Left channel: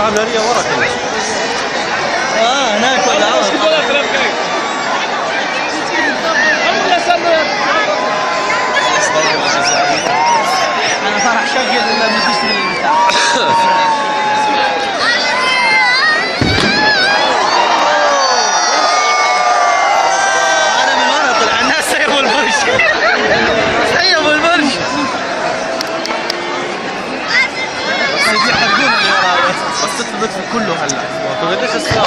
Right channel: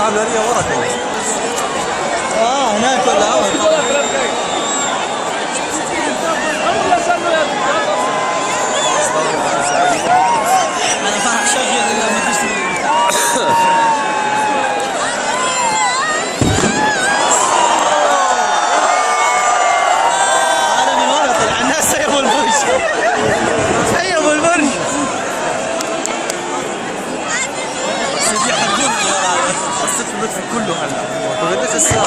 العملانية ورا كمان. هناك ولا عوض. انا فرح شقل ولا مدرسة. انا من ورا طلع الناس سيبوا البرج. سيبوا البرج. يحرقون اللي ورا. قصة اللطف كله هلا. قديش الساعة؟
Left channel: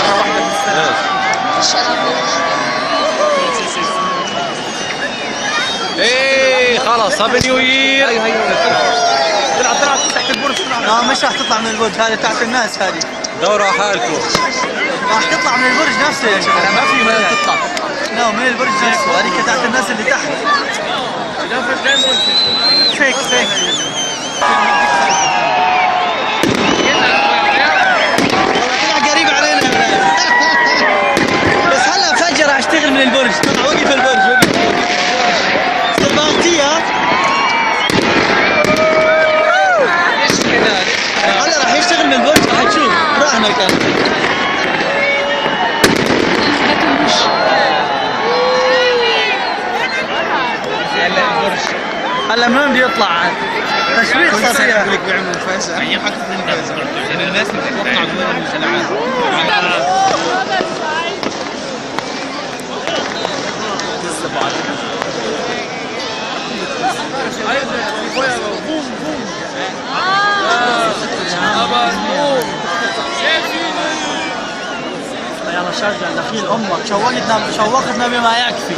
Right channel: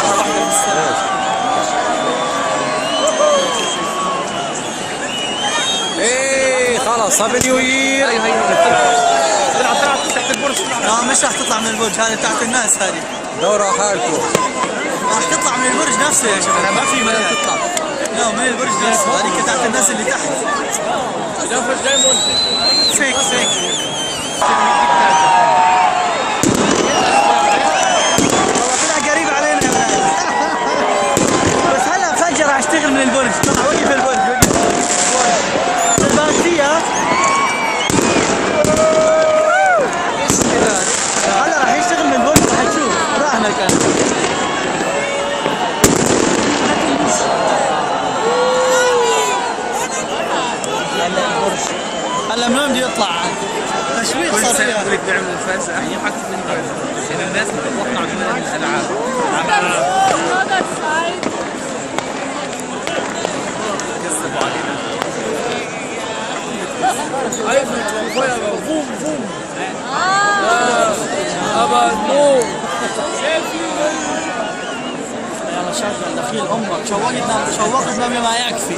ايه خلاص هابي نيو يير. مش راح تطلع من البرج، هذه تحت الناس هذه. دوروا على حالكم. راح تطلع من البرج نفسه يا شباب، ما في مجال. لا من البرج نفسه، هذيك تحت الناس اللي تحت. فيك فيك. قريب علينا. بس هلا فجأة راح اشتغل من البرج. وقف البرج وقف. هلا راح يشتغل من البرج، راح تشوف راح مكان. هلا من وين بده يطلع؟ تشويق صار. يلا شجع دخيل امك، شوقتنا بما يكفي.